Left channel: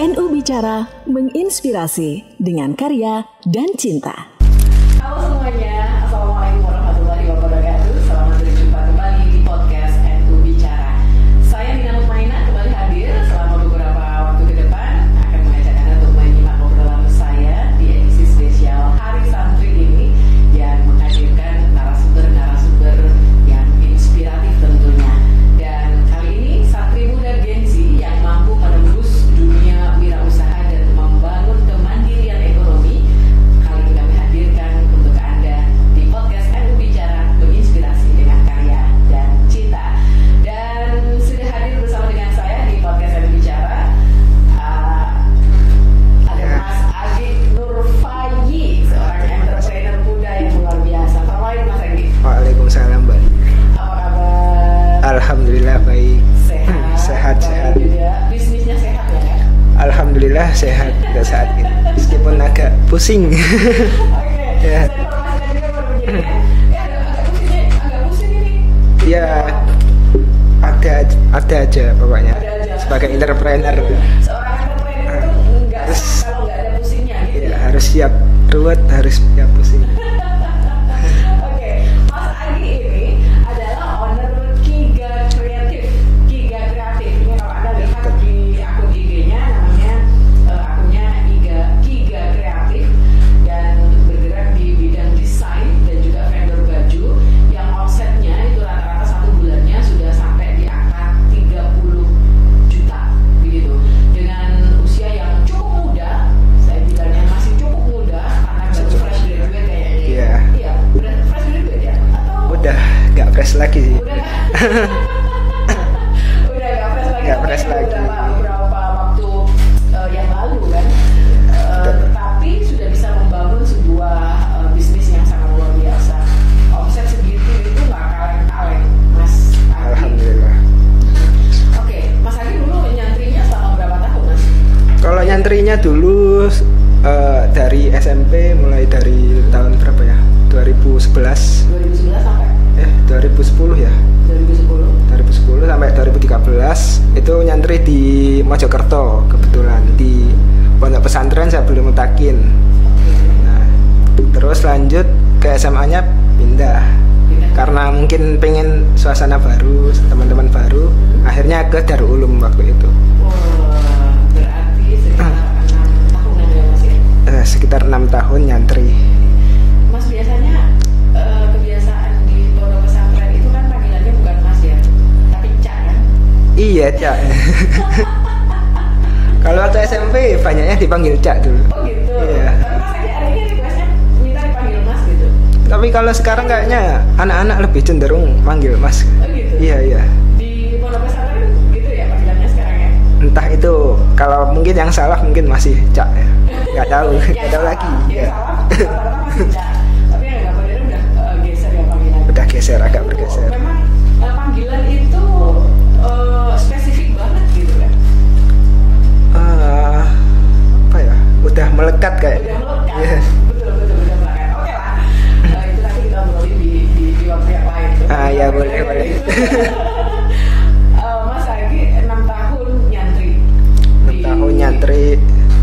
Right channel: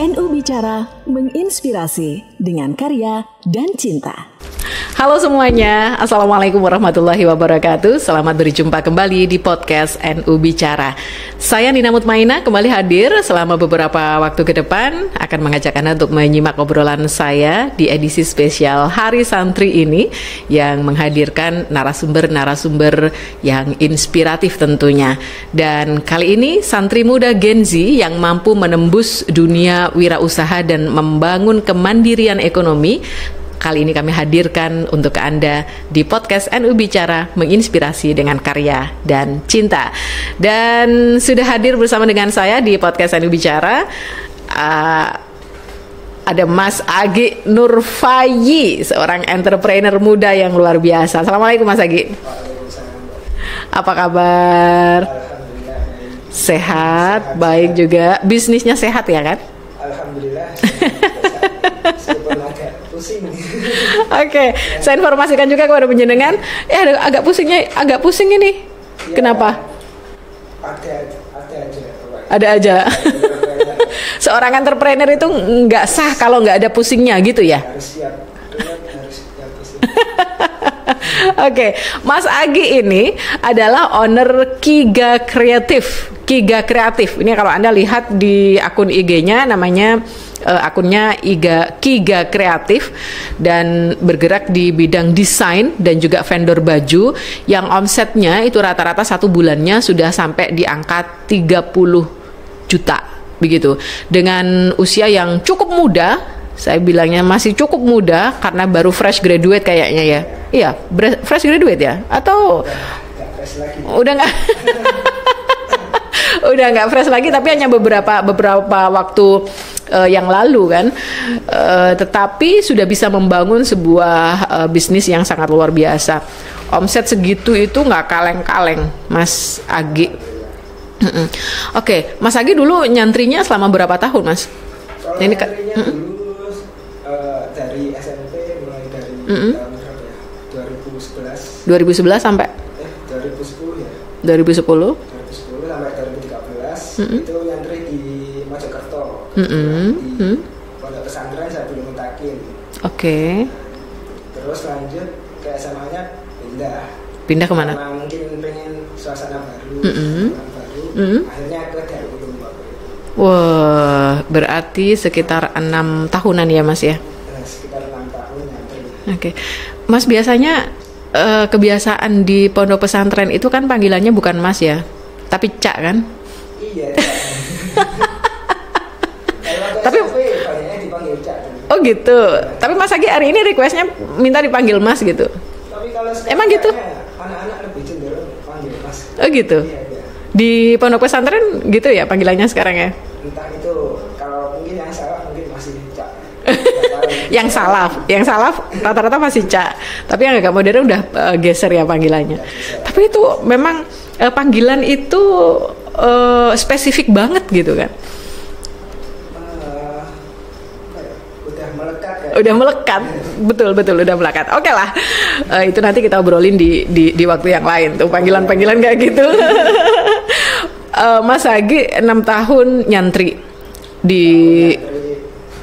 NU Bicara menginspirasi dengan karya dan cinta. Halo semuanya, Assalamualaikum warahmatullahi wabarakatuh. Selamat berjumpa kembali di podcast NU Bicara. Saya Nina Mutmainah kembali hadir selama beberapa waktu ke depan, akan mengajak Anda untuk menyimak obrolan saya di edisi spesial Hari Santri ini, yang menghadirkan narasumber-narasumber yang inspiratif tentunya. Dan kali ini santri muda Gen Z yang mampu menembus dunia wirausaha dan membangun kemandirian ekonomi. Kali ini kami hadirkan untuk Anda di podcast NU Bicara menginspirasi dengan karya dan cinta. Dan sudah hadir bersama dengan saya di podcast NU Bicara ada Mas Agi Nurfayi, seorang entrepreneur muda yang luar biasa. Assalamualaikum Mas Agi. Waalaikumsalam Mbak. Apa kabar? Alhamdulillah baik. Sehat baik sehat. Juga. Bisnisnya sehat ya kan? Alhamdulillah sehat juga saat ini, meskipun agak pusing. Oke, saya informasikan juga kepada penjenengan, agak pusing ini. Ya, kenapa? Ada aja pokoknya. Ada aja. Sebagai entrepreneur. Seorang entrepreneur itu nggak sah kalau nggak ada pusingnya gitu ya? Harus siap ruwet, harus siap pusing. Oke, Mas Agi ini adalah owner Kiga Kreatif. Kiga Kreatif. Ini kalau Anda lihat di akun IG-nya, namanya akunnya Kiga Kreatif, dan bergerak di bidang desain dan juga vendor baju yang omsetnya itu rata-rata satu bulannya sudah sampai di angka 30 juta begitu. Dengan usia yang cukup muda, saya bilangnya masih cukup muda karena baru fresh graduate kayaknya ya. Iya, fresh graduate ya? Atau udah nggak fresh lagi? Udah nggak. Udah nggak fresh lagi, tapi hanya beberapa waktu yang lalu kan. Tetapi sudah bisa membangun sebuah bisnis yang sangat luar biasa. Omset segitu itu nggak kaleng-kaleng, Mas Agi. Oke, Mas Agi dulu nyantrinya selama berapa tahun, Mas? Kalau nyantrinya dulu dari SMP, mulai dari tahun berapa ya? 2011 sampai 2010 ya. 2010 sampai 2013 itu nyantri di Mojokerto kebetulan di pondok pesantren Zabul Mutakin. Oke. Nah, terus lanjut ke SMA-nya pindah kemana? Karena mungkin pengen suasana baru, teman-teman baru. Akhirnya ke Darul Ulum waktu itu. Wah, berarti sekitar 6 tahunan ya Mas ya? Sekitar 6 tahun nyantri. Oke. Mas biasanya kebiasaan di pondok pesantren itu kan panggilannya bukan Mas ya, tapi Cak kan? Iya, Cak. Kalau waktu SMP banyaknya dipanggil Cak dulu. Oh gitu. Ya. Tapi Mas Agi hari ini requestnya minta dipanggil Mas gitu. Tapi kalau sekarang kayaknya anak-anak lebih cenderung panggil Mas. Oh gitu? Iya. Di pondok pesantren gitu ya panggilannya sekarang ya? Entah itu, kalau mungkin yang salah mungkin masih Cak ya. Nggak tahu. yang salah rata-rata masih Cak. Tapi yang agak modern udah geser ya panggilannya. Udah geser. Tapi itu memang panggilan itu spesifik banget gitu kan? Udah melekat kayak. Udah melekat, betul udah melekat. Oke lah, itu nanti kita obrolin di waktu yang lain tuh panggilan-panggilan kayak gitu. Mas Agi 6 tahun nyantri di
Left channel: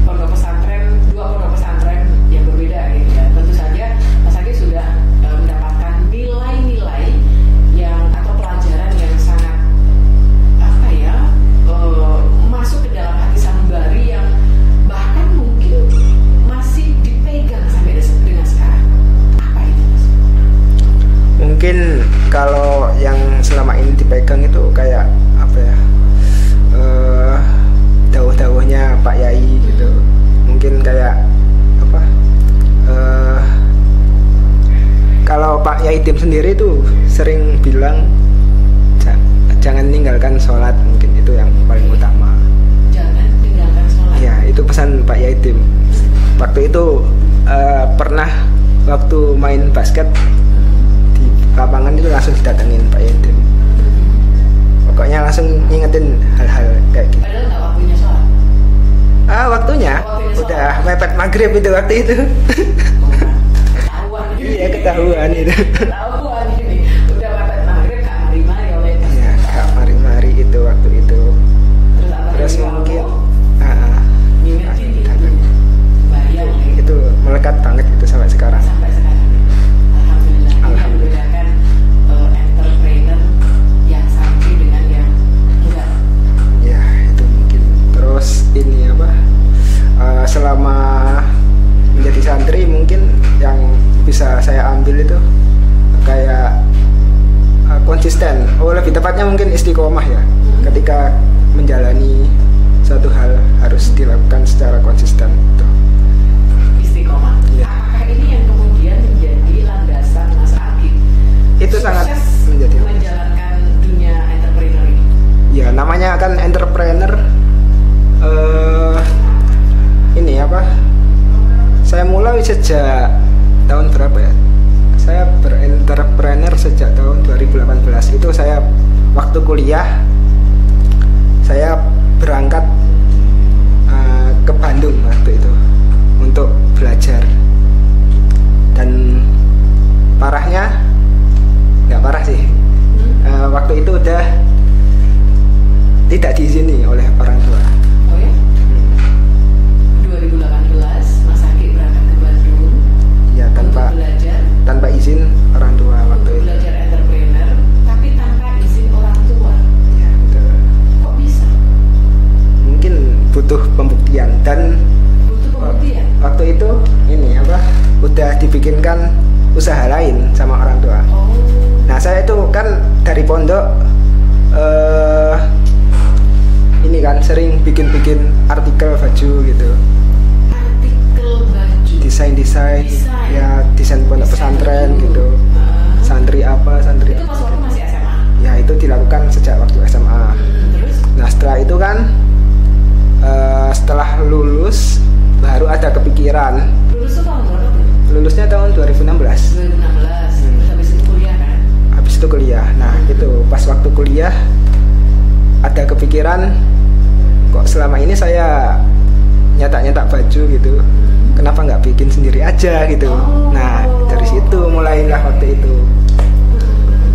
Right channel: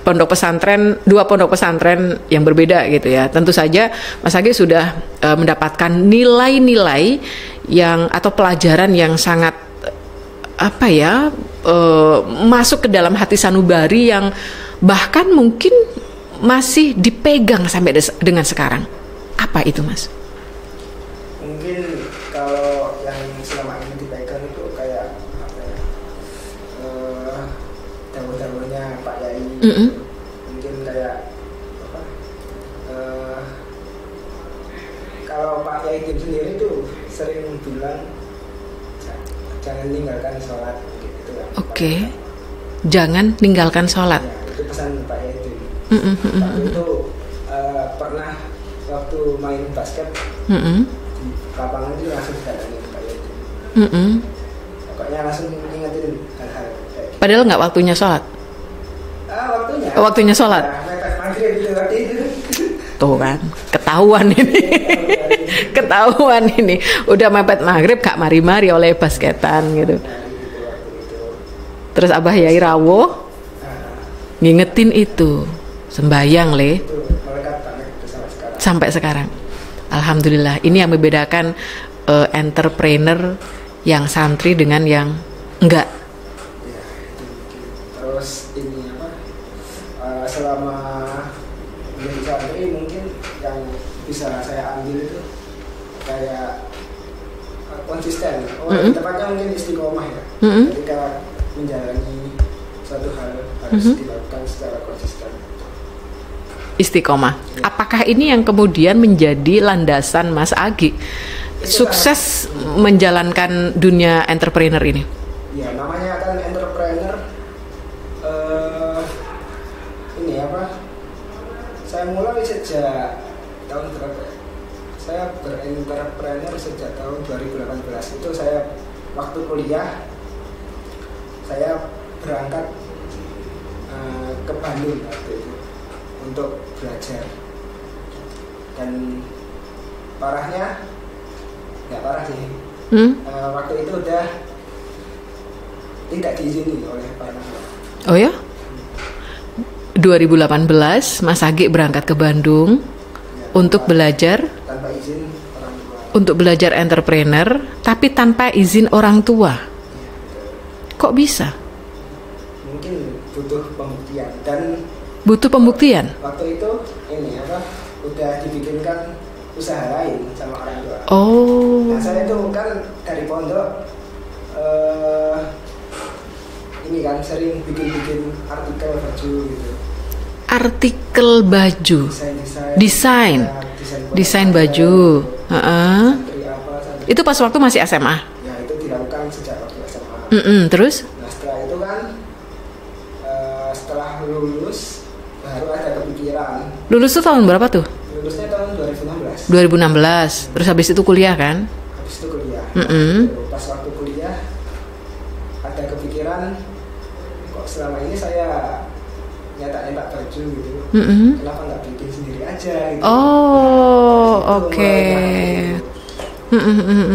pondok pesantren, 2 pondok pesantren yang berbeda gitu ya. Tentu saja Mas Agi sudah mendapatkan nilai-nilai yang atau pelajaran yang sangat masuk ke dalam hati sanubari yang bahkan mungkin masih dipegang sampai dengan sekarang. Apa itu, Mas? Mungkin kalau yang selama ini dipegang itu kayak dawuh-dawuhnya Pak Yai gitu. Mungkin kayak kalau Pak Yai Tim sendiri itu sering bilang jangan tinggalkan sholat, mungkin itu yang paling utama. Jangan tinggalkan sholat. Ya, itu pesan Pak Yaitim. Waktu itu pernah waktu main basket di lapangan itu langsung didatengin Pak Yaitim. Pokoknya langsung ngingetin hal-hal kayak gitu. Padahal nggak waktunya sholat. Waktunya sholat. Ya, mepet maghrib itu waktu itu. Tuh kan, ketahuan ini. Ketahuan ini. Udah mepet maghrib gak mari-mari oleh basketan gitu. Mari itu waktu itu. Terus Abah Yai rawuh. ngingetin itu. Sembayang Le. Itu melekat banget itu sampai sekarang. Sampai sekarang. Alhamdulillah. Ini yang membedakan entrepreneur yang santri dengan yang enggak. Ya, itu mungkin. Terus ini apa? Selama menjadi santri mungkin yang bisa saya ambil itu kayak konsisten. Lebih tepatnya mungkin istiqomah ya. Ketika menjalani satu hal harus dilakukan secara konsisten. Istiqomah. Ya. Apakah ini yang kemudian menjadi landasan Mas Agi itu sukses menjalankan dunia entrepreneur ini? Ya, namanya kan entrepreneur. Ini apa? Saya mulai sejak tahun berapa ya? Saya berentrepreneur sejak tahun 2018. Itu saya waktu kuliah. Saya berangkat ke Bandung waktu itu untuk belajar. Dan parahnya, nggak parah sih. Waktu itu udah tidak diizini oleh orang tua. Oh ya? 2018 Mas Agi berangkat ke Bandung ya, untuk belajar tanpa izin orang tua. Untuk belajar entrepreneur tapi tanpa izin orang tua. Ya, betul. Kok bisa? Mungkin butuh pembuktian dan butuh pembuktian. Waktu itu ini apa? Udah dibikinkan usaha lain sama orang tua. Oh. Nah, saya itu kan dari pondok ini kan sering bikin artikel baju gitu. Artikel baju. Desain. Ya, desain baju. Gitu. Santri apa? Santri. Itu pas waktu masih SMA. Ya, itu dilakukan sejak waktu SMA. Terus? Nah, setelah itu kan setelah lulus baru ada kepikiran. Lulus tuh tahun berapa tuh? Lulusnya tahun 2016. 2016. Terus habis itu kuliah kan? Habis itu kuliah. Nah, itu pas waktu kuliah ada kepikiran, kok selama ini saya nyetak baju gitu, kenapa nggak bikin sendiri aja gitu. Nah, dari situ mulailah itu.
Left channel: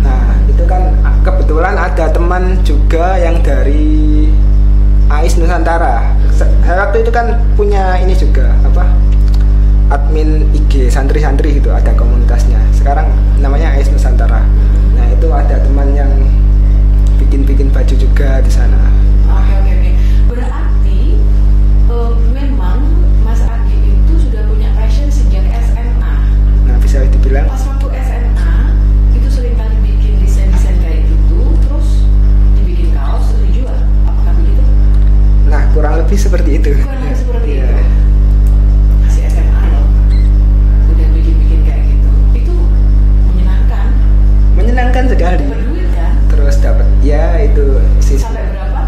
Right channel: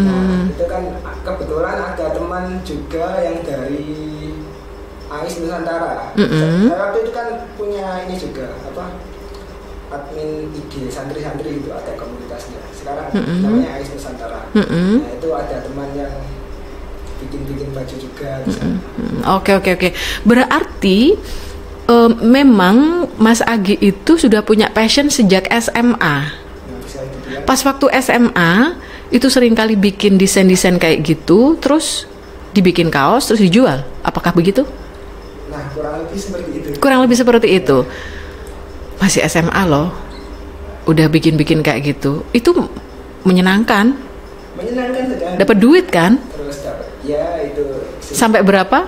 Nah, itu kan kebetulan ada teman juga yang dari AIS Nusantara. Saya waktu itu kan punya ini juga apa, admin IG santri-santri gitu, ada komunitasnya. Sekarang namanya AIS Nusantara. Nah, itu ada teman yang bikin baju juga di sana. Oke. Berarti memang Mas Agi itu sudah punya passion sejak SMA. Nah, bisa dibilang. Pas waktu SMA itu sering kali bikin desain-desain kayak gitu, terus dibikin kaos, terus dijual. Apakah begitu? Nah, kurang lebih seperti itu. Masih SMA loh, udah bikin-bikin kayak gitu. Itu menyenangkan sekali. Dapat duit kan? Terus dapat, ya itu. Sampai berapa?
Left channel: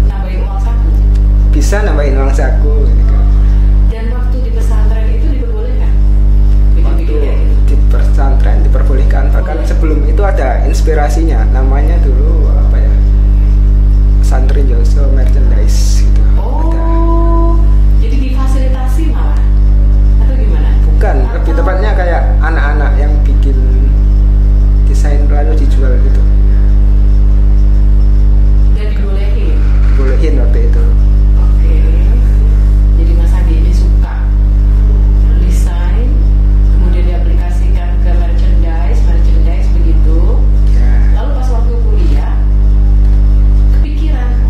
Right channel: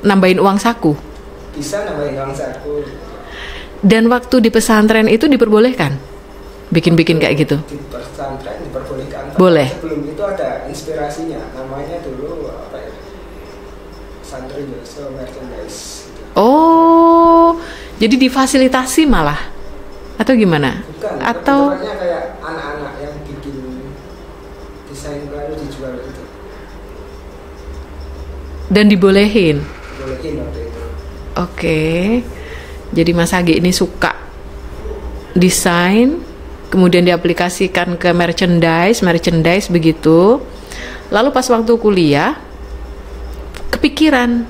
Nambahin uang saku? Bisa nambahin uang saku. Dan waktu di pesantren itu diperbolehkan bikin-bikin kayak gitu? Di pesantren diperbolehkan. Boleh. Sebelum itu ada inspirasinya. Namanya dulu apa ya? Santri Joso Merchandise gitu. Oh, jadi difasilitasi malah? Atau gimana? Bukan, atau tepatnya kayak anak-anak yang bikin desain lalu dijual gitu. Dan dibolehin waktu itu. Oke. Jadi Mas Agi ini suka desain, kemudian diaplikasikan ke merchandise begitu. Lalu pas waktu kuliah kepikiran,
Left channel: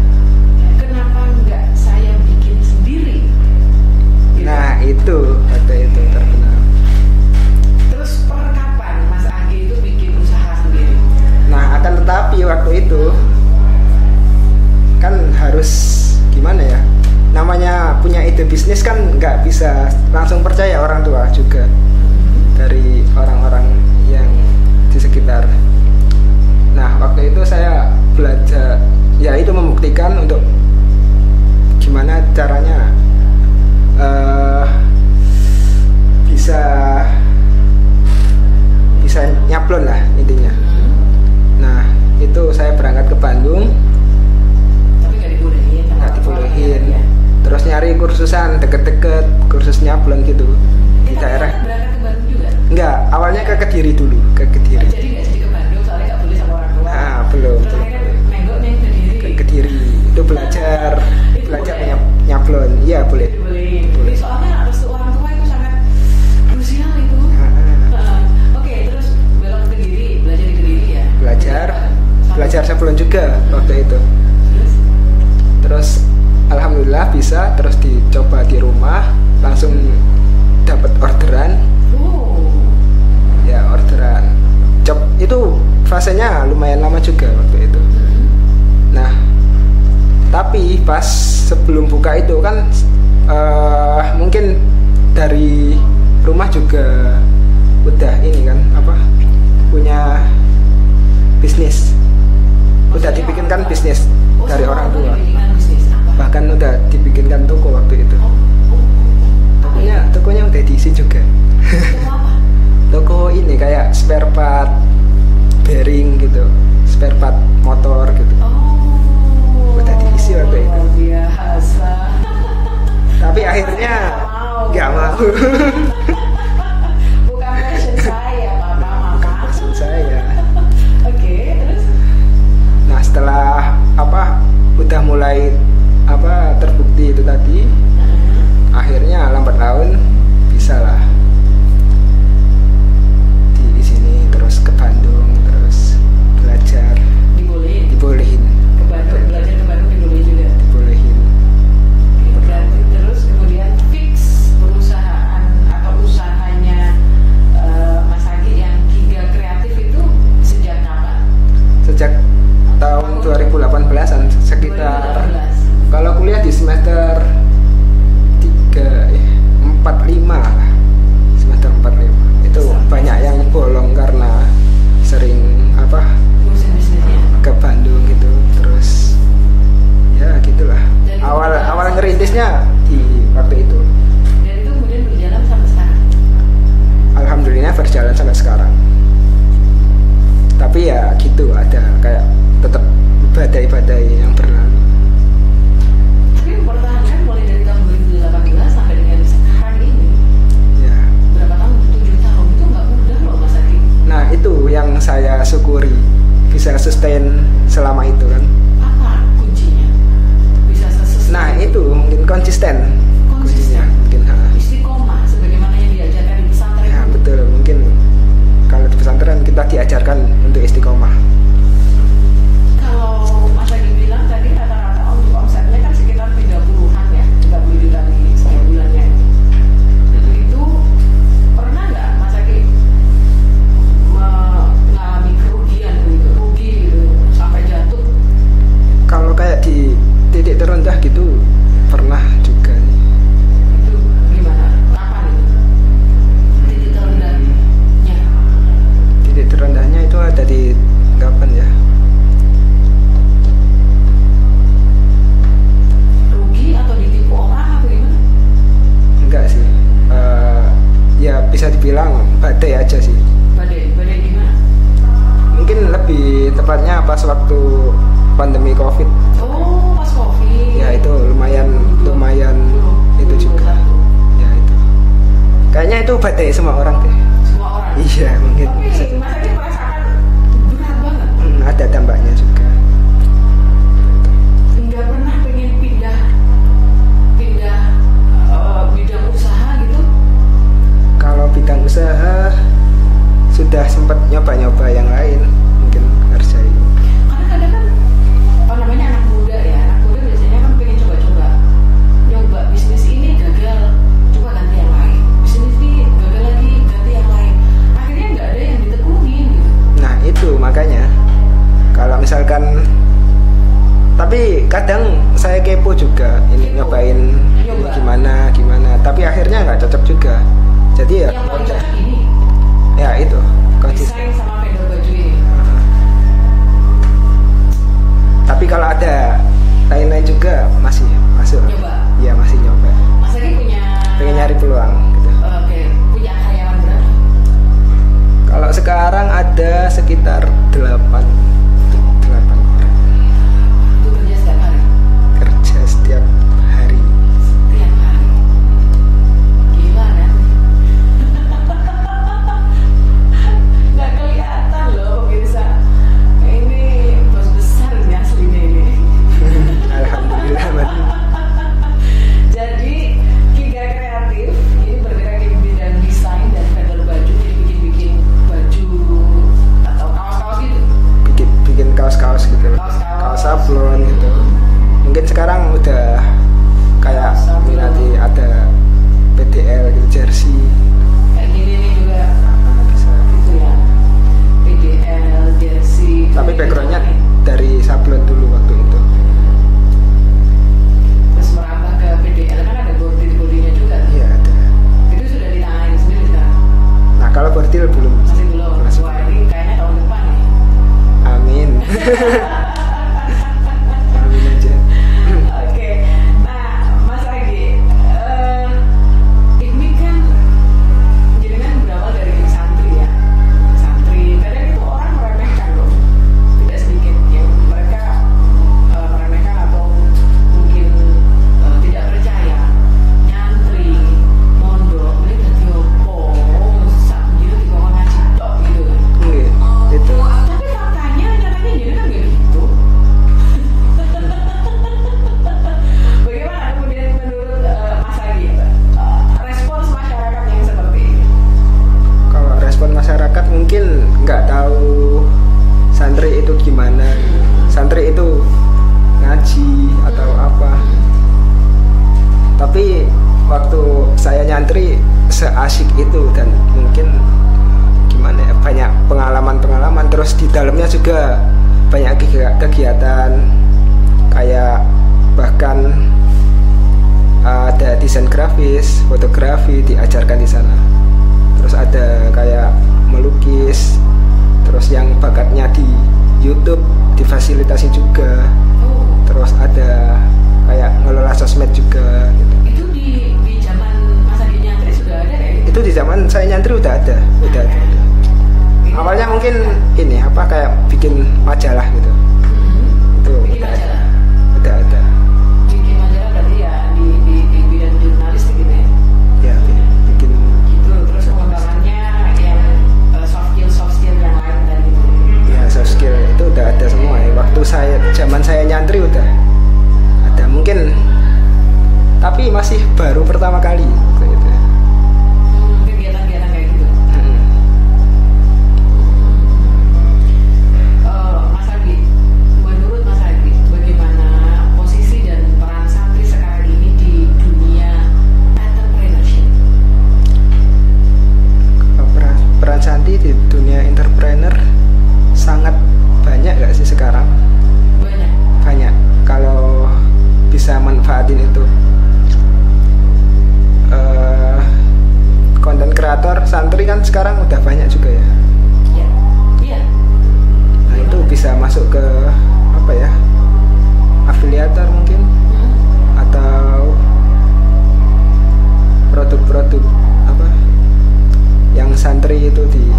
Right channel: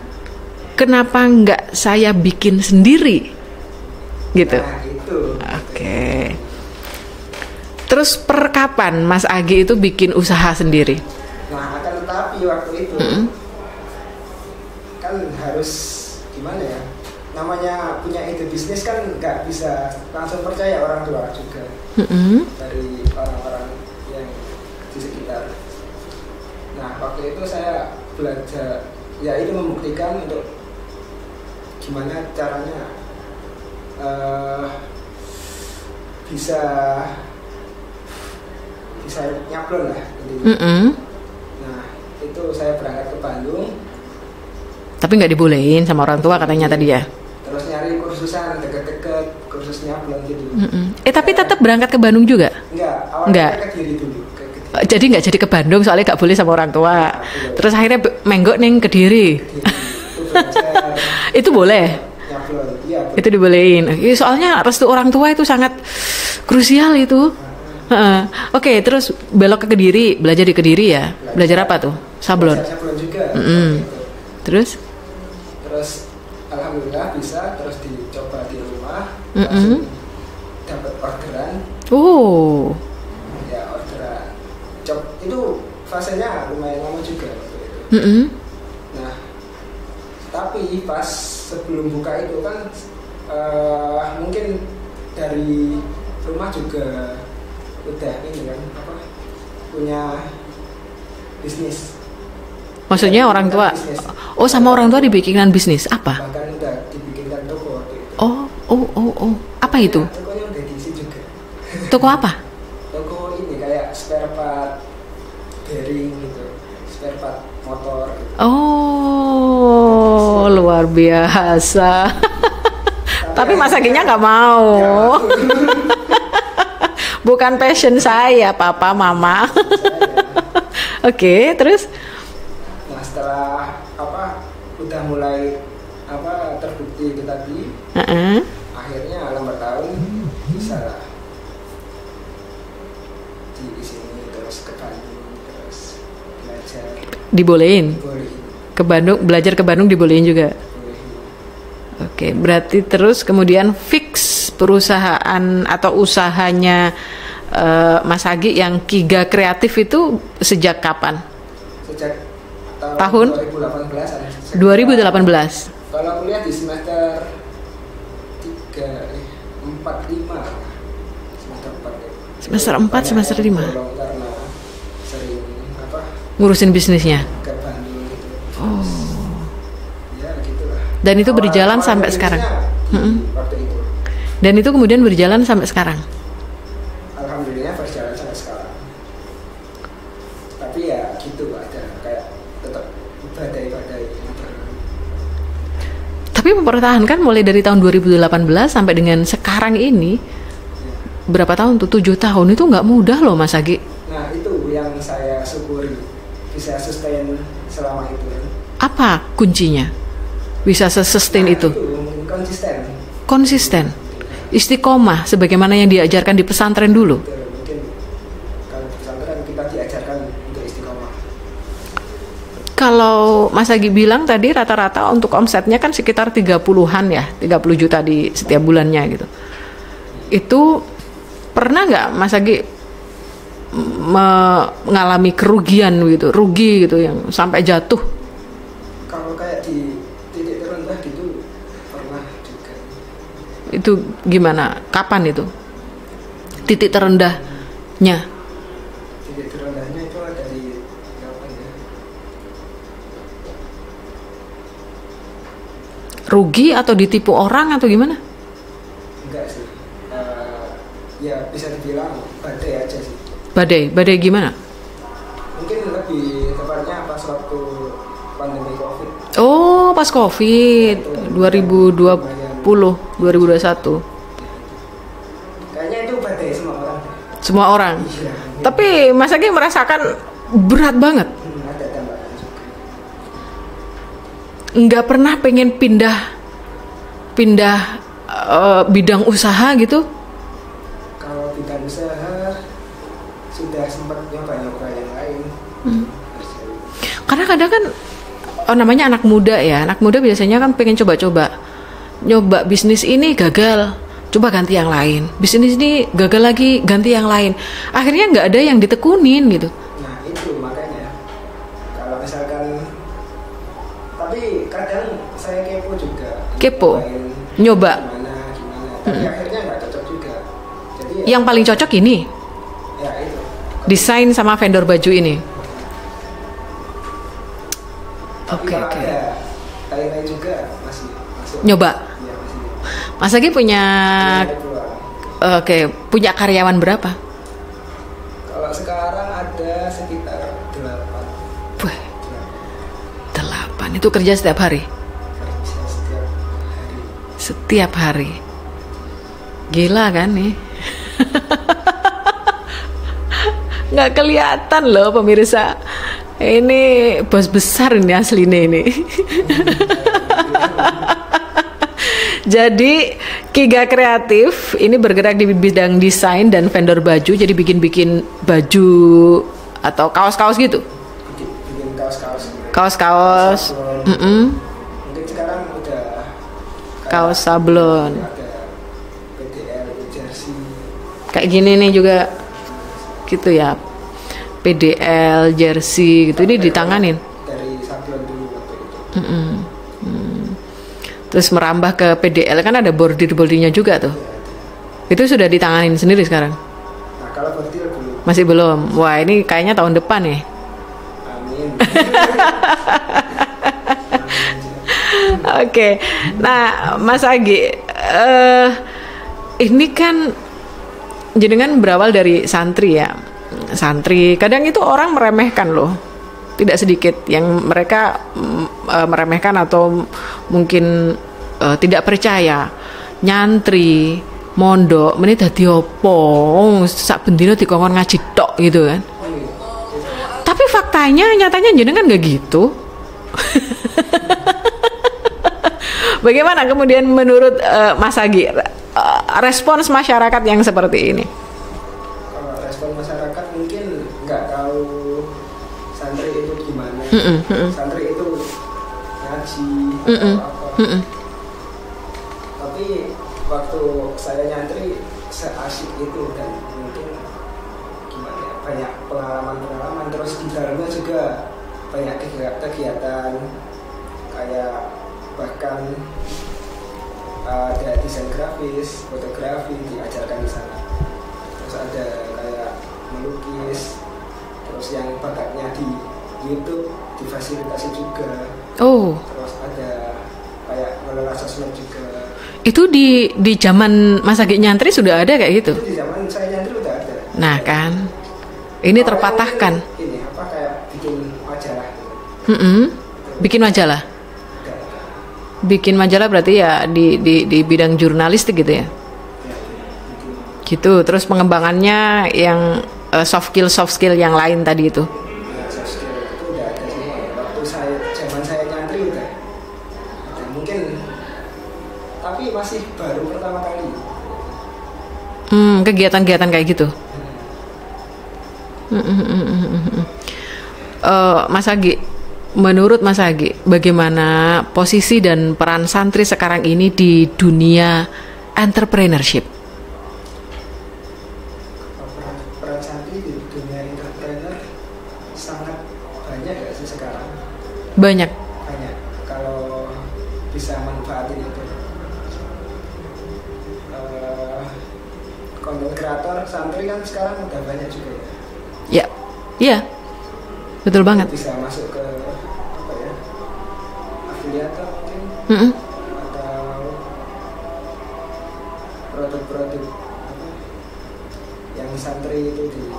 kenapa nggak saya bikin sendiri gitu. Nah, itu. Oke. Terus per kapan Mas Agi itu bikin usaha sendiri? Nah, akan tetapi waktu itu kan harus gimana ya? Namanya punya ide bisnis kan nggak bisa langsung percaya orang tua juga. Dari orang-orang yang di sekitar. Nah, waktu itu saya belajar, ya itu membuktikan untuk gimana caranya bisa nyablon lah intinya. Nah, itu saya berangkat ke Bandung. Tapi nggak dibolehin sama orang tua katanya tadi ya? terus nyari kursusan deket-deket, kursus nyablon gitu. Tapi tetap berangkat ke Bandung juga? Enggak, awalnya ke Kediri dulu, ke Kediri. Jadi nggak jadi ke Bandung soalnya nggak boleh sama orang tua. Nah, terus akhirnya menggok neng Kediri. Kediri itu belajar. Itu boleh? Nyablon, iya boleh. Itu dibolehin. Soalnya restu orang tua itu sangat krusial itu. Oke, terus belok ke Kediri, belajar di Kediri ya? Belajar apa tuh? Sablon? Belajar sablon juga waktu itu. Terus alhamdulillah bisa, terus dicoba di rumah, langsung dapat orderan. Ya orderan. Job itu fasenya lumayan lama juga waktu itu. Nah, tapi pas sebelum buka itu kan mungkin dari rumah juga udah ini kan punya bisnis. Maksudnya orang tua bisnis. Sama orang tua dibikinkan bisnis apa? Bahkan udah dibikinkan toko waktu itu. Apa itu? Tokonya udah diisi juga. Toko apa? Toko ini kayak spare part bearing gitu, spare part motor gitu. Luar biasa. Tapi masakinya nggak mau. Bukan passion saya, papa, mama. Oke, terus? Nah, setelah udah mulai terbukti itu tadi, akhirnya lambat laun bisa lah di sini, terus ke Bandung, terus belajar. Dibolehin. Ke Bandung, belajar ke Bandung dibolehin juga. Dibolehin. Oke, berarti terus kemudian fix perusahaan atau usahanya Mas Agi yang Kiga Kreatif itu sejak kapan? Sejak tahun 2018-an. 2018. Kalau kuliah di semester 45 lah. Semester 45. Semester 4, semester 5. Karena sering ngurusin bisnisnya ke Bandung gitu. Terus ya gitulah. Dan itu berjalan sampai sekarang. Waktu itu. Dan itu kemudian berjalan sampai sekarang. Alhamdulillah berjalan sampai sekarang. Tapi ya gitu, ada kayak tetap badai-badai yang berlalu. Tapi mempertahankan mulai dari tahun 2018 sampai dengan sekarang ini ya. Berapa tahun tuh? 7 tahun itu nggak mudah loh Mas Agi. Nah itu yang saya syukuri, bisa sustain selama itu kan. Apa kuncinya bisa sustain itu? Itu mungkin konsisten. Istiqomah sebagaimana yang diajarkan di pesantren dulu. Betul, mungkin kalau di pesantren kita diajarkan untuk istiqomah. Kalau Mas Agi bilang tadi rata-rata untuk omsetnya kan sekitar 30-an ya, 30 juta di setiap bulannya gitu. Itu pernah nggak Mas Agi mengalami kerugian gitu, rugi gitu yang sampai jatuh? Kalau kayak di titik terendah gitu pernah juga. Itu gimana? Kapan itu? Titik terendahnya? Titik terendahnya itu ada di kapan ya? Rugi atau ditipu orang atau gimana? Enggak sih. Ya bisa dibilang badai aja sih. Badai gimana? Mungkin lebih tepatnya pas waktu pandemi COVID. Oh, pas COVID. Ya, itu 2020, 2021. Ya, itu. Kayaknya itu badai semua orang deh. Semua orang? Iya. Tapi Mas Agi merasakan berat banget. Ada dampaknya juga. Nggak pernah pengen pindah bidang usaha gitu? Kalau bidang usaha sudah sempat nyoba-nyoba yang lain, mungkin ngerjain. Karena kadang kan namanya anak muda ya, anak muda biasanya kan pengen coba-coba, nyoba bisnis ini gagal, coba ganti yang lain, bisnis ini gagal lagi, ganti yang lain, akhirnya nggak ada yang ditekunin gitu. Nah itu makanya kalau misalkan, tapi kadang saya kepo juga, nyoba gimana, tapi akhirnya nggak cocok juga. Jadi yang paling cocok ini ya itu desain sama vendor baju ini. Tapi kalau ada lain-lain juga masih masuk. Nyoba? Iya masih nyoba. Mas Agi punya nyari peluang gitu. Oke, punya karyawan berapa? Kalau sekarang ada sekitar 8. 8. Itu kerja setiap hari? Kerja setiap hari. tiap hari. Gila kan nih? Nggak kelihatan loh pemirsa. Ini bos besar ini aslinya ini. Jadi Kiga Kreatif ini bergerak di bidang desain dan vendor baju. Jadi bikin-bikin baju atau kaos-kaos gitu. Bikin kaos-kaos gitu. Kaos-kaos. Mungkin sekarang udah kayak kaos sablon. Ada PDL, jersey. Kayak gini nih juga. Gitu ya. PDL, jersey gitu. Ini ditanganin dari sablon dulu waktu itu. Terus merambah ke PDL kan ada bordir-bordirnya juga tuh. Iya, ada. Itu sudah ditanganin sendiri sekarang? Nah kalau bordir belum. Masih belum. Wah ini kayaknya tahun depan ya. Amin. Oke. Nah Mas Agi, ini kan jenengan berawal dari santri ya. Santri kadang itu orang meremehkan loh. Tidak sedikit yang mereka meremehkan atau mungkin tidak percaya. Nyantri, mondok, menit dadi opo? Sak bendino dikongkon ngaji tok gitu kan. Gitu. Tapi faktanya, nyatanya jenengan nggak gitu. Bagaimana kemudian menurut Mas Agi respons masyarakat yang seperti ini? Kalau respon masyarakat mungkin nggak tahu santri itu gimana. Santri itu ngaji atau apa. Tapi waktu saya nyantri seasik itu dan mungkin gimana ya, banyak pengalaman terus di dalamnya juga banyak kegiatan kayak bahkan ada desain grafis, fotografi diajarkan di sana. Terus ada kayak melukis, terus yang bakatnya di YouTube difasilitasi juga. Terus ada kayak ngelola sosmed juga. Itu di zaman Mas Agi nyantri sudah ada kayak gitu? Itu di zaman saya nyantri udah ada. Nah udah. Kan ini awalnya terpatahkan. Ini apa kayak bikin majalah gitu. Itu bikin majalah? Ada. Bikin majalah berarti ya di bidang jurnalistik gitu ya? Ya, bikin. Gitu. Terus pengembangannya yang soft skill yang lain tadi itu? Ya soft skill itu udah ada semua ya. Waktu zaman saya nyantri udah ada mungkin, tapi masih baru pertama kali gitu. Kegiatan-kegiatan kayak gitu. Mas Agi, menurut Mas Agi, bagaimana posisi dan peran santri sekarang ini di dunia entrepreneurship? Peran santri di dunia entrepreneur sangat banyak gak sih sekarang? Banyak kalau bisa manfaatin itu. Konten kreator santri kan sekarang udah banyak juga ya. Iya, betul banget. Bisa masuk ke apa ya, afiliator mungkin, atau produk-produk apa yang santri itu di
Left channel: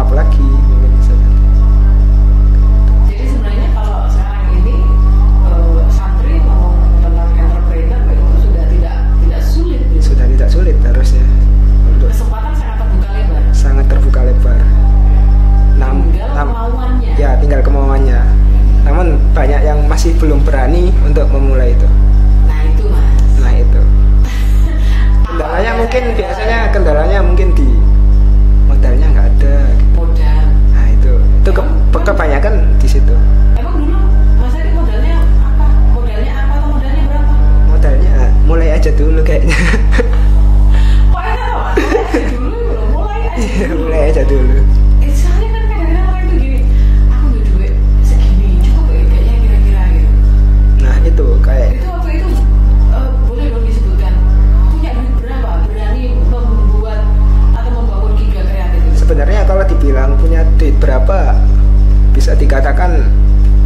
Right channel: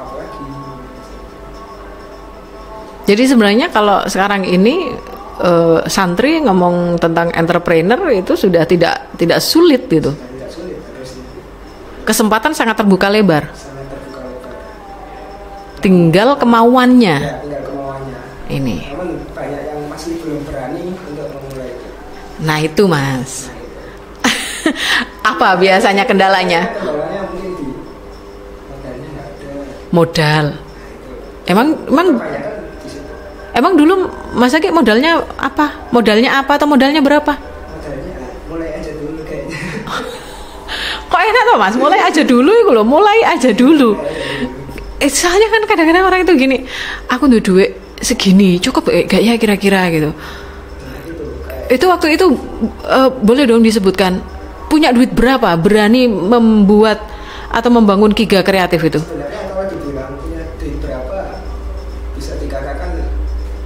up lagi mungkin bisa. Jadi sebenarnya kalau sekarang ini santri ngomong tentang entrepreneur itu sudah tidak sulit gitu. Sudah tidak sulit harusnya. Kesempatan sangat terbuka lebar. Sangat terbuka lebar. Tinggal kemauannya. Ya, tinggal kemauannya. Ini. Namun banyak yang masih belum berani untuk memulai itu. Nah itu Mas. Nah itu. Apa biasanya kendalanya? Kendalanya mungkin di modalnya nggak ada. Modal. Nah itu. Emang kebanyakan di situ. Emang dulu Mas Agi modalnya apa? Modalnya apa atau modalnya berapa? Modalnya mulai aja dulu kayaknya. Kok enak toh Mas? Mulai aja dulu itu loh, mulai aja dulu. Soalnya kan kadang-kadang orang itu gini, aku udah duit segini, cukup gak ya kira-kira gitu. Nah itu kayak. Itu waktu itu boleh dong disebutkan punya duit berapa, berani membuat atau membangun Kiga Kreatif itu? Sebenarnya kalau dibilang punya duit berapa, bisa dikatakan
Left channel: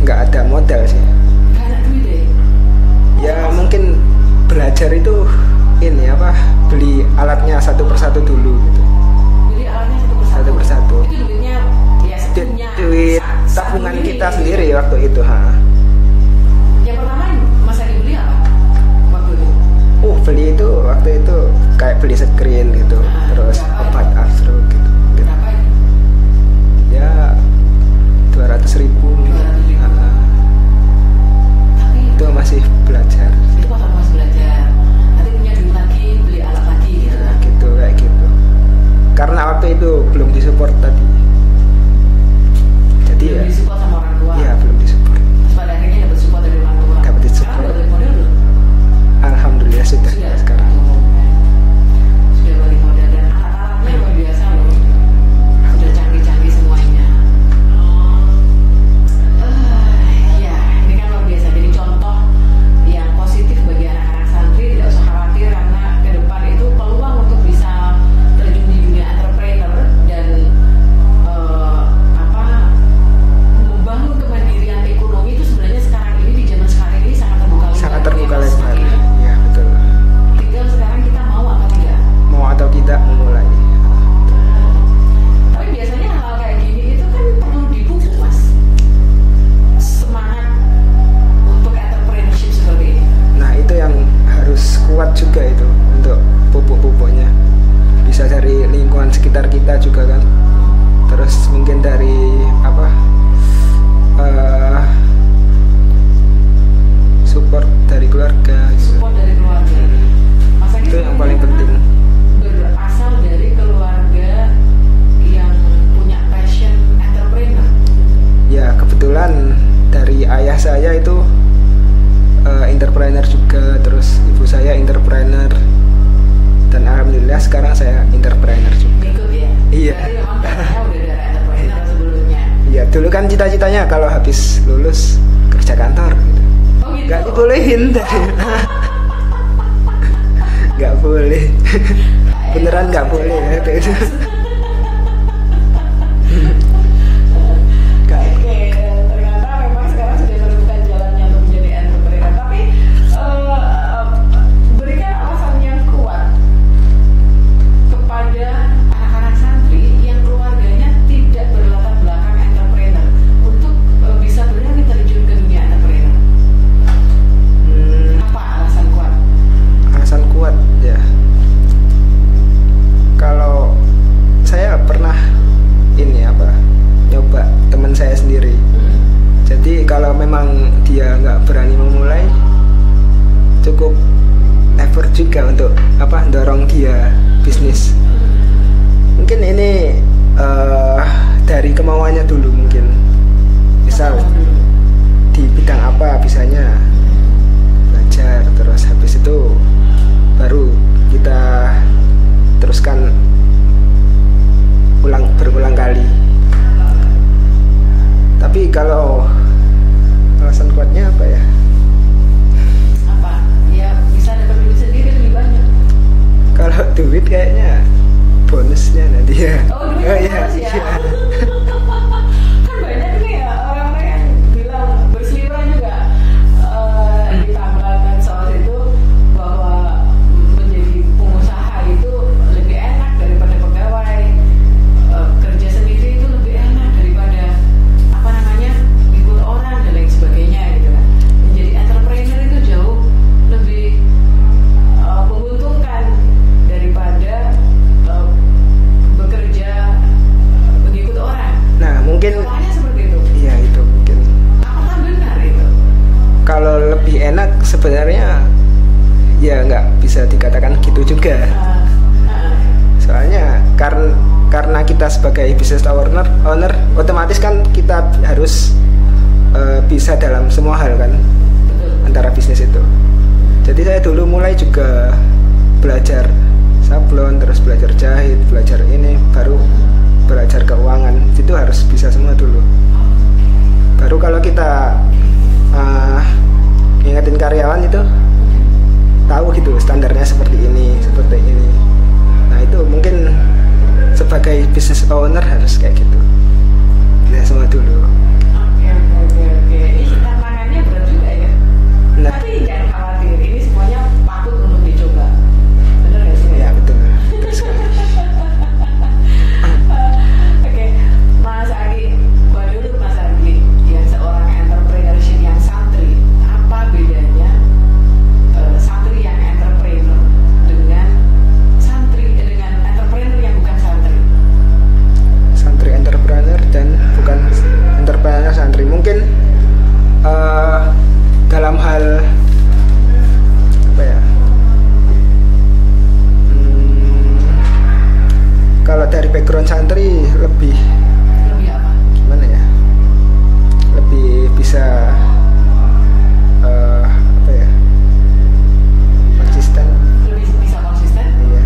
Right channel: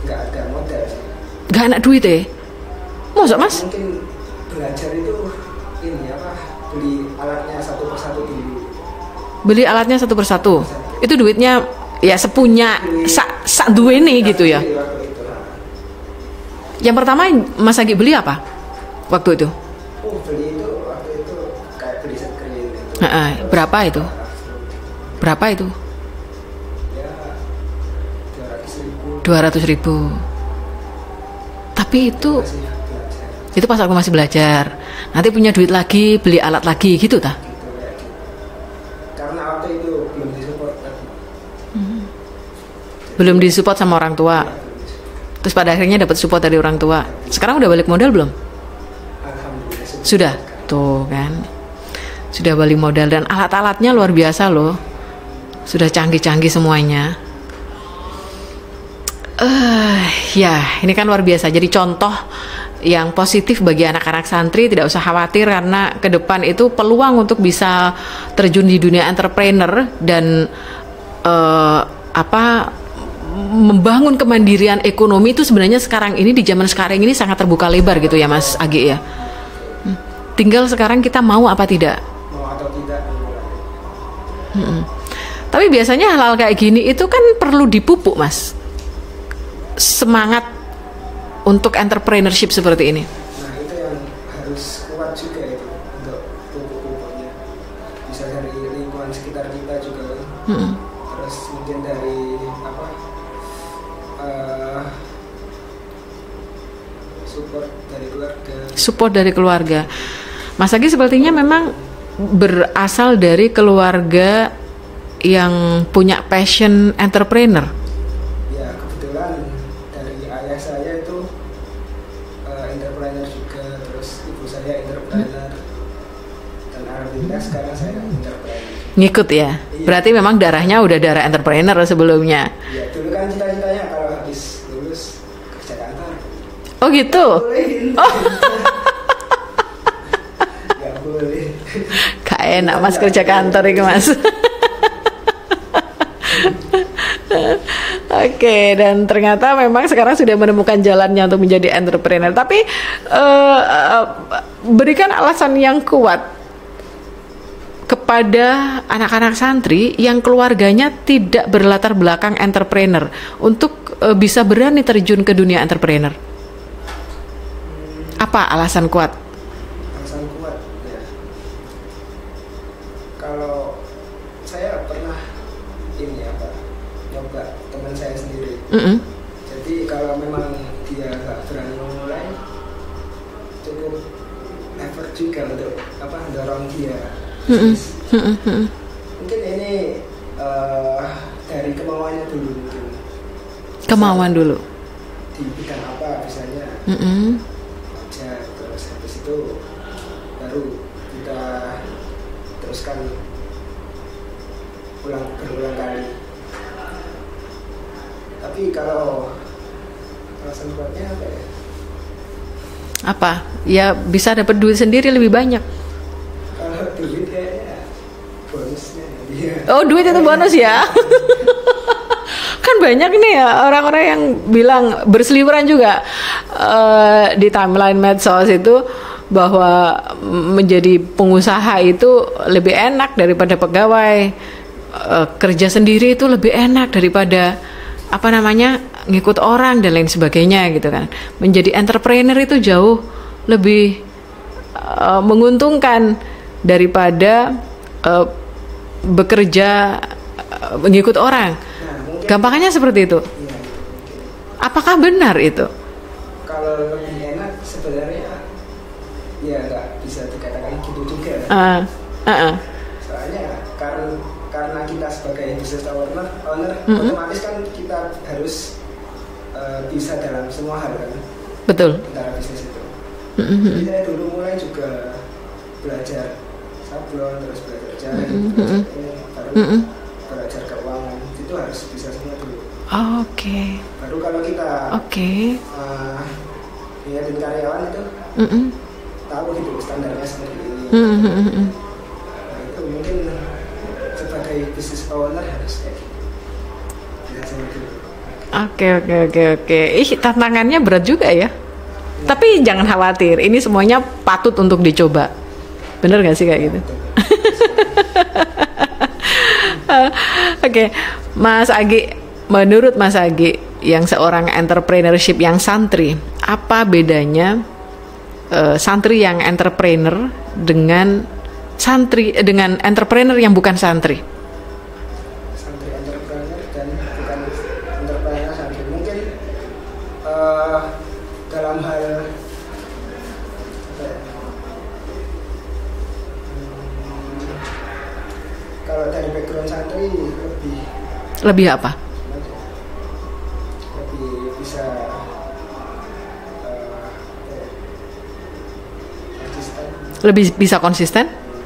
nggak ada modal sih. Nggak ada duit ya? Masa Mas? Mungkin belajar itu ini apa, beli alatnya satu persatu dulu gitu. Beli alatnya satu persatu. Itu duitnya ya sepunya sak duwe nih gitu ya. Waktu itu, Yang pertama Mas Agi beli apa waktu itu? Beli itu waktu itu kayak beli screen gitu. Berapa itu? Astro, gitu. Berapa itu? Ya 200.000. 200.000. Tapi itu masih belajar. Itu pas aku masih belajar. Nanti punya duit lagi, beli alat lagi gitu tak? Gitu kayak gitu. Karena waktu itu belum disupport tadi. Jadi belum disupport sama orang tua. Ya, belum disupport. Terus pada akhirnya dapat support dari orang tua. Sekarang udah balik modal belum? Alhamdulillah sudah. Tuh kan. Sudah balik modal dan alat-alatnya luar biasa loh. Sudah canggih-canggih semuanya. Ya, ini kan luar biasa. Jadi contoh yang positif bagi anak-anak santri, tidak usah khawatir karena ke depan itu peluang untuk bisa terjun di dunia entrepreneur dan membangun kemandirian ekonomi itu sebenarnya sekarang ini di zaman sekarang ini sangat terbuka lebar gitu ya Mas Agi ya. Tinggal sekarang kita mau apa tidak? Mau atau tidak memulai. Tapi biasanya hal-hal kayak gini itu kan perlu dipupuk Mas. Semangat untuk entrepreneurship seperti ini. Nah itu yang harus kuat juga itu untuk pupuk-pupuknya. Bisa dari lingkungan sekitar kita juga kan. Terus mungkin dari support dari keluarga. Mas Agi sepertinya memang berasal dari keluarga yang punya passion entrepreneur. Ya kebetulan dari ayah saya itu entrepreneur juga, terus ibu saya entrepreneur, dan alhamdulillah sekarang saya entrepreneur juga. Ngikut ya? Iya. Berarti memang darahnya udah darah entrepreneur sebelumnya. Iya, dulu kan cita-citanya kalau habis lulus kerja kantor. Oh gitu? Gak bolehin. Gak boleh. Gak enak Mas kerja kantor ini Mas. Oke, dan ternyata memang sekarang sudah menemukan jalannya untuk menjadi entrepreneur. Tapi berikan alasan yang kuat kepada anak-anak santri yang keluarganya tidak berlatar belakang entrepreneur untuk bisa berani terjun ke dunia entrepreneur. Apa alasan kuat? Alasan kuat ya. Kalau saya pernah nyoba teman saya sendiri. Jadi kalau memang dia nggak berani memulai, cukup effort juga untuk dorong dia bisnis. Mungkin ini dari kemauannya dulu mungkin. Kemauan dulu. Di bidang apa bisanya belajar, terus habis itu baru kita teruskan berulang kali. Tapi kalau alasan kuatnya apa ya? Apa? Ya bisa dapat duit sendiri lebih banyak. Kalau duit kayaknya bonusnya nanti ya. Oh, duit itu bonus ya? Kan banyak nih ya orang-orang yang bilang berseliweran juga di timeline medsos itu bahwa menjadi pengusaha itu lebih enak daripada pegawai. Kerja sendiri itu lebih enak daripada ngikut orang dan lain sebagainya gitu kan. Menjadi entrepreneur itu jauh lebih menguntungkan daripada bekerja mengikut orang. Nah, mungkin gampangannya seperti itu. Iya, itu mungkin. Apakah benar itu? Kalau lebih enak sebenarnya ya nggak bisa dikatakan gitu juga. Soalnya karena kita sebagai business owner otomatis kan kita harus bisa dalam semua hal kan. Betul. Antara bisnis itu. Jadi saya dulu mulai juga belajar sablon, terus belajar jahit, belajar ini, baru belajar keuangan. Itu harus bisa semua dulu. Oke. Baru kalau kita ngingetin karyawan itu tahu gitu standarnya seperti ini, seperti ini. Nah itu mungkin sebagai business owner harus kayak gitu. Ya semua dulu. Oke. Tantangannya berat juga ya. Nah, tapi jangan khawatir, ini semuanya patut untuk dicoba. Bener gak sih kayak gitu? Oke, Mas Agi, menurut Mas Agi yang seorang entrepreneurship yang santri, apa bedanya santri yang entrepreneur dengan entrepreneur yang bukan santri? Santri entrepreneur dan bukan entrepreneur santri. Mungkin dalam hal apa ya? Kalau dari background santri lebih apa? Gimana ya? Lebih bisa apa ya? Konsisten. Lebih bisa konsisten? Iya.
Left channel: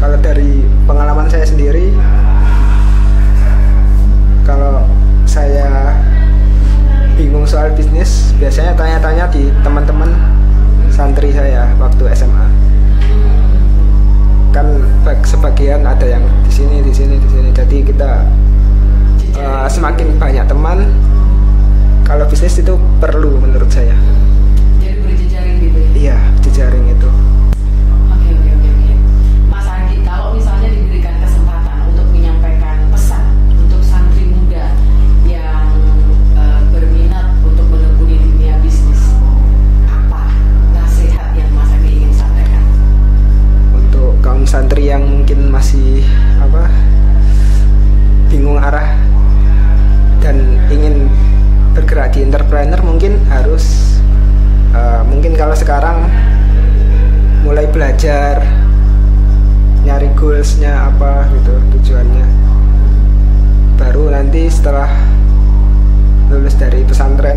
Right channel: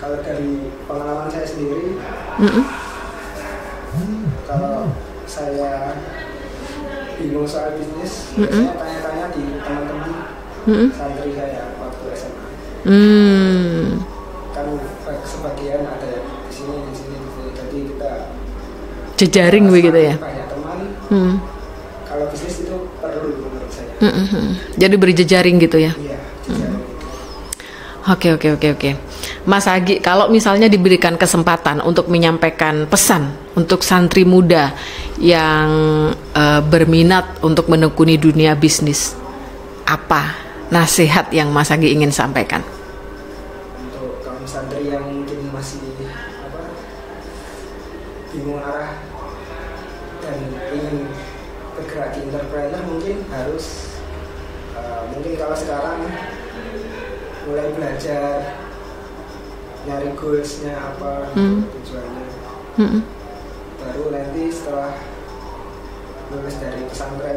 Kalau dari pengalaman saya sendiri, kalau saya bingung soal bisnis, biasanya tanya-tanya di teman-teman santri saya waktu SMA. Kan sebagian ada yang di sini, jadi kita jejaring begitu ya. Banyak teman. Kalau bisnis itu perlu menurut saya. Jadi berjejaring gitu ya? Iya, jejaring itu. Oke. Mas Agi, kalau misalnya diberikan kesempatan untuk menyampaikan pesan untuk santri muda yang berminat untuk menekuni dunia bisnis, apa nasihat yang Mas Agi ingin sampaikan? Untuk kaum santri yang mungkin masih bingung arah dan ingin bergerak di entrepreneur, mungkin harus mungkin kalau sekarang mulai belajar, nyari goalsnya apa gitu, tujuannya. Baru nanti setelah lulus dari pesantren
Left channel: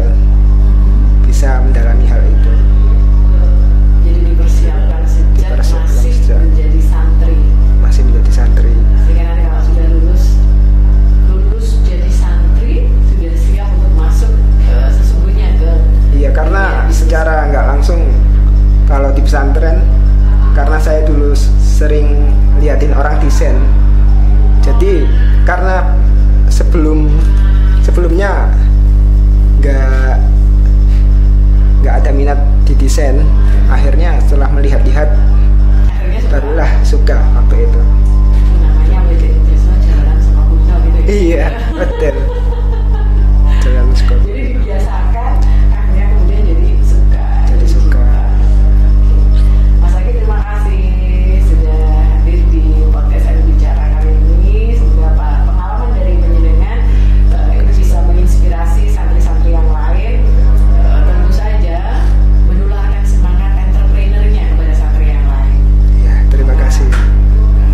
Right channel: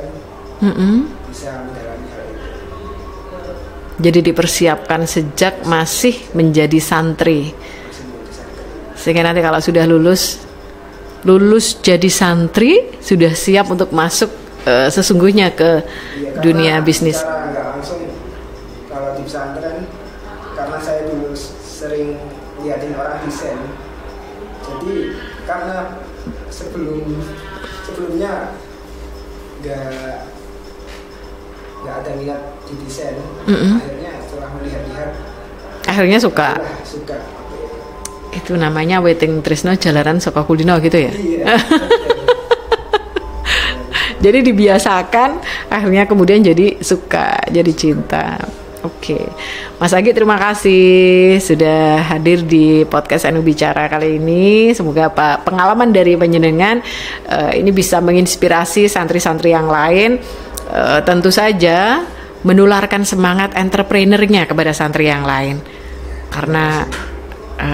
bisa mendalami hal itu. Jadi dipersiapkan sejak masih menjadi santri. Sehingga nanti kalau sudah lulus jadi santri, sudah siap untuk masuk sesungguhnya ke dunia bisnis. Secara nggak langsung kalau di pesantren, karena saya dulu sering liatin orang desain. Jadi karena sebelumnya nggak ada minat di desain, akhirnya setelah melihat-lihat akhirnya suka waktu itu. Itu namanya Weting Tresno Jalaran Saka Kulino gitu ya? Iya, betul. Jadi dibiasakan, akhirnya kemudian jadi suka, jadi cinta. Oke. Mas Agi, terima kasih sudah hadir di podcast NU Bicara kali ini. Semoga pengalaman dari panjenengan ini bisa menginspirasi santri-santri yang lain. Tentu saja menularkan semangat entrepreneurnya kepada santri yang lain. Ya, karena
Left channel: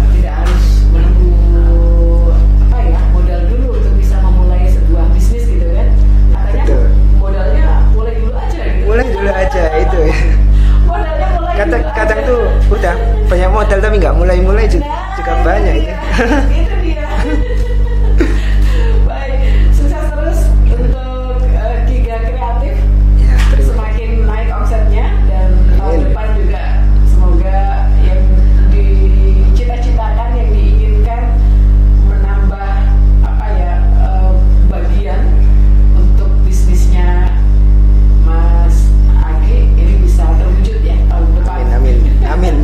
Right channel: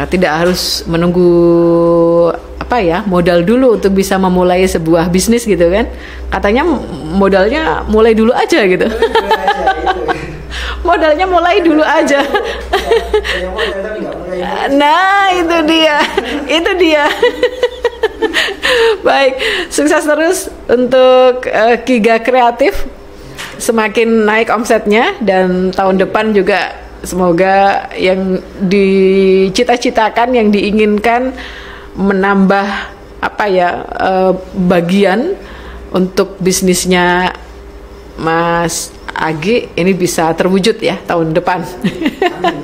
tidak harus menunggu modal dulu untuk bisa memulai sebuah bisnis gitu kan. Katanya modalnya mulai dulu aja gitu. Mulai dulu aja itu ya. Modalnya mulai dulu aja. Udah banyak modal tapi nggak mulai. Nah itu dia. Itu dia. Baik, sukses terus untuk Kiga Kreatif. Semakin naik omsetnya dan tahun depan juga semoga yang dicita-citakan, yang diinginkan menambah bagian untuk bisnisnya Mas Agi ini bisa terwujud ya tahun depan. Amin.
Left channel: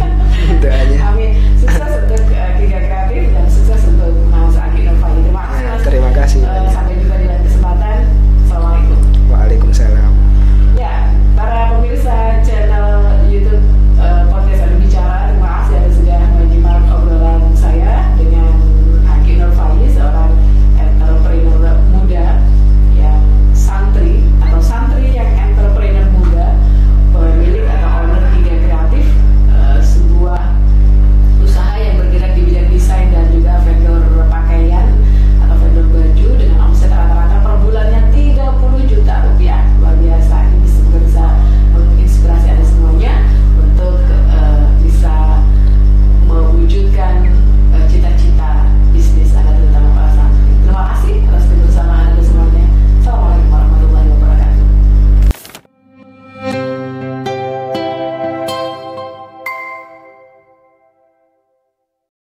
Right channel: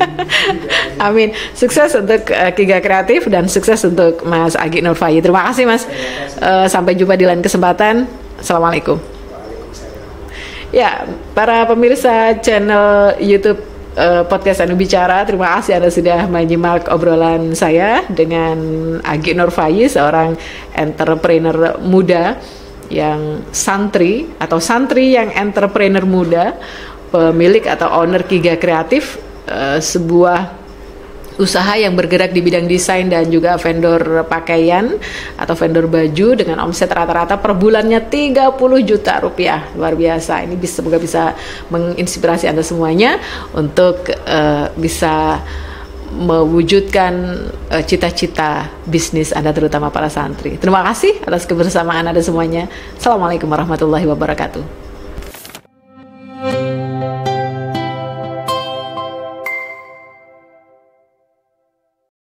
Amin. Sukses untuk Kiga Kreatif dan sukses untuk Mas Agi Nurfayi. Terima kasih Mas. Terima kasih. Sampai jumpa di lain kesempatan. Assalamualaikum. Waalaikumsalam. Ya, para pemirsa channel YouTube podcast NU Bicara, terima kasih Anda sudah menyimak obrolan saya dengan Agi Nurfayi, seorang entrepreneur muda yang santri yang entrepreneur muda, pemilik atau owner Kiga Kreatif, sebuah usaha yang bergerak di bidang desain dan juga vendor pakaian atau vendor baju dengan omset rata-rata per bulannya 30 juta rupiah. Luar biasa. Ini semoga bisa menginspirasi Anda semuanya untuk bisa mewujudkan cita-cita bisnis Anda, terutama para santri. Terima kasih atas kebersamaan Anda semuanya. Assalamualaikum warahmatullahi wabarakatuh.